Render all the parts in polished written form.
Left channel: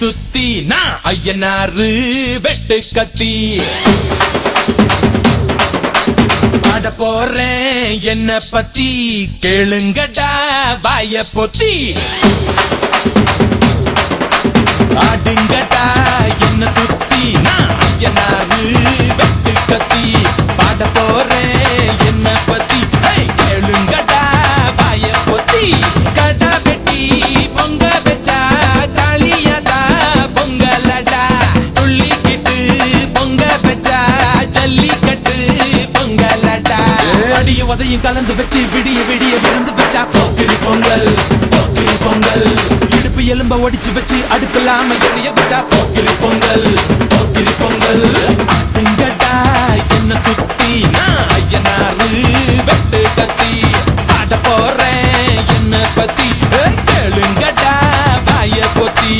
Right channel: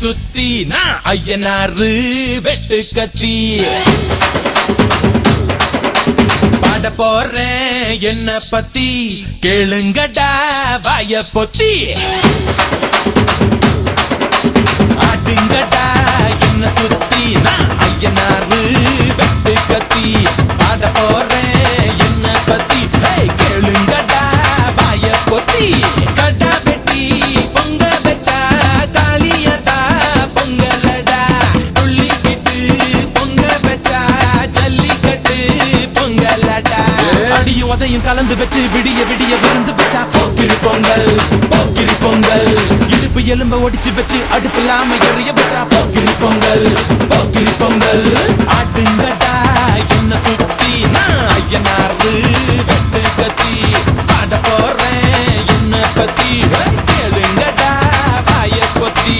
சுத்தி நான் ஐயனாரு வெட்டு கத்தி பாட போறேன் என்ன பத்தி கேளுங்கடா வாய பொத்தி ஆடுங்கடா என்ன சுத்தி நான் ஐயனாரு வெட்டு கத்தி பாட போறேன் என்ன பத்தி கேளுங்கடா வாய பொத்தி கடா வெட்டி பொங்க வச்சா தாலியடா பொங்கலடா துள்ளிக்கிட்டு பொங்க வச்சா ஜல்லிக்கட்டு பொங்கலடா அடியும் உதையும் கலந்து வச்சு விடிய விடிய விருந்து வச்சா போக்கிரி பொங்கல் போக்கிரி பொங்கல் இடுப்பு எலும்ப ஒடிச்சு வச்சு அடுப்பில்லாம எரிய வச்சா போக்கிரி பொங்கல் போக்கிரி பொங்கல் ஆட்டுங்கட்டா என்ன சுத்தி நான் ஐயனாரு வெட்டு கத்தி பாட போறேன் என்ன பத்தி கேளுங்கடா வாய பொத்தி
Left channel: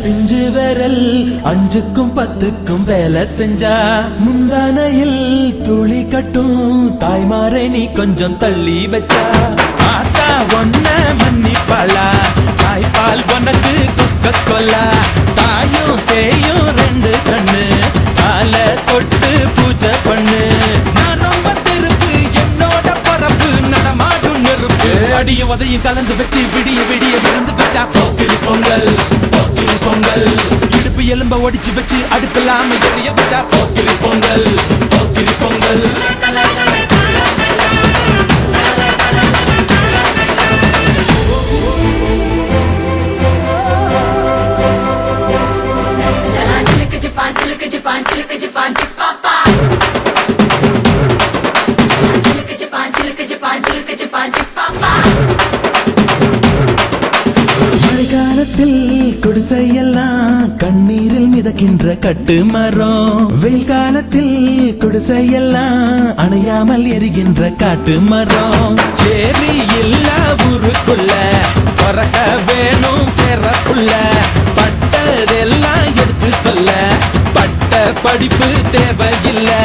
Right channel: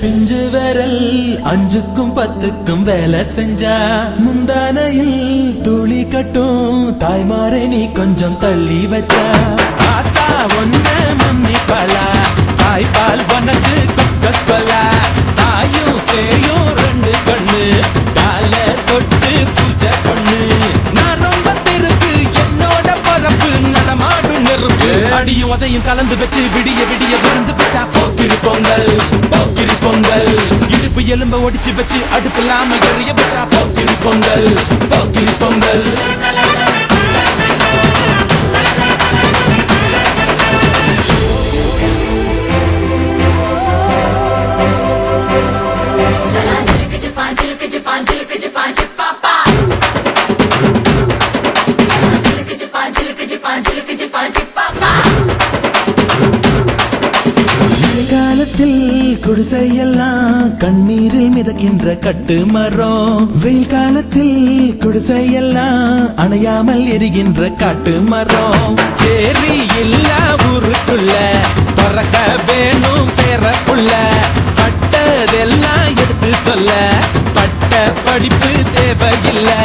பிஞ்சு விரல் அஞ்சுக்கும் பத்துக்கும் வேலை செஞ்சா முந்தானையில் துளி கட்டும் தாய்மாரை நீ கொஞ்சம் தள்ளி வச்சா ஆத்தா ஒன்ன மன்னிப்பலா தாய்ப்பால் உனக்கு குக்க கொல்லா தாயும் சேயும் ரெண்டு கண்ணு கால தொட்டு பூஜை பண்ணு நான் ரொம்ப திருப்பு என்னோட பரப்பு நடமாடும் நெருப்பு அடியும் உதையும் கலந்து வச்சு விடிய விடிய விருந்து வச்சா போக்கிரி பொங்கல் போக்கிரி பொங்கல் இடுப்பு எலும்ப ஒடிச்சு வச்சு அடுப்பில்லாம எரிய வச்சா போக்கிரி பொங்கல் போக்கிரி பொங்கல் மழைக்காலத்தில் குடிசையெல்லாம் கண்ணீரில் மிதக்கின்ற கட்டு மரம் வெயில் காலத்தில் குடிசையெல்லாம் அணையாமல் எரிகின்ற காட்டு மரம் சேரி இல்லா ஊருக்குள்ள பறக்க வேணும் பிறப்புள்ள பட்டதெல்லாம் எடுத்து சொல்ல பட்ட படிப்பு தேவையில்லை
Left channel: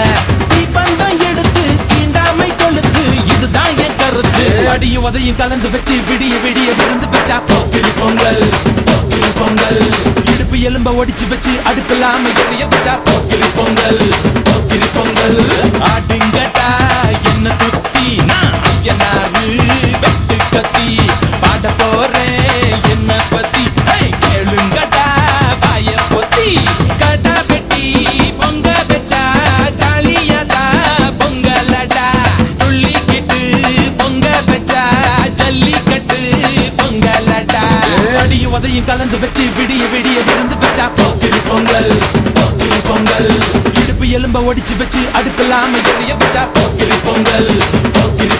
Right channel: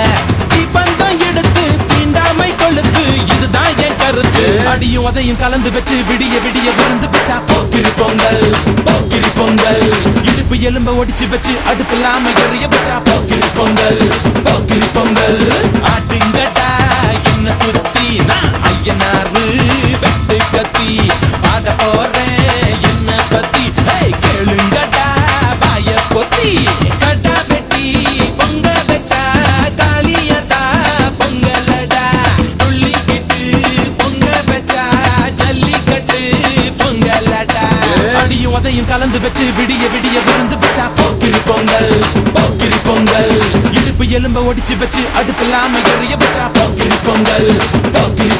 தீபந்தம் எடுத்து தீண்டாமை கொழுத்து இதுதான் என் கருத்து அடியும் உதையும் கலந்து வச்சு விடிய விடிய விருந்து வச்சா போக்கிரி பொங்கல் போக்கிரி பொங்கல் இடுப்பு எலும்ப ஒடிச்சு வச்சு அடுப்பில்லாம எரிய வச்சா போக்கிரி பொங்கல் போக்கிரி பொங்கல் ஆட்டுங்கட்டா என்ன சுத்தி நான் ஐயனாரு வெட்டு கத்தி பாட போறேன் என்ன பத்தி கேளுங்கட்டா வாய பொத்தி கடா வெட்டி பொங்க வச்சா தாலியடா பொங்கலடா துள்ளிக்கிட்டு பொங்க வச்சா ஜல்லிக்கட்டு பொங்கலடா அடியும் உதையும் கலந்து வச்சு விடிய விடிய விருந்து வச்சா போக்கிரி பொங்கல் போக்கிரி பொங்கல் இடுப்பு எலும்ப ஒடிச்சு வச்சு அடுப்பில்லாம எரிய வச்சா போக்கிரி பொங்கல் போக்கிரி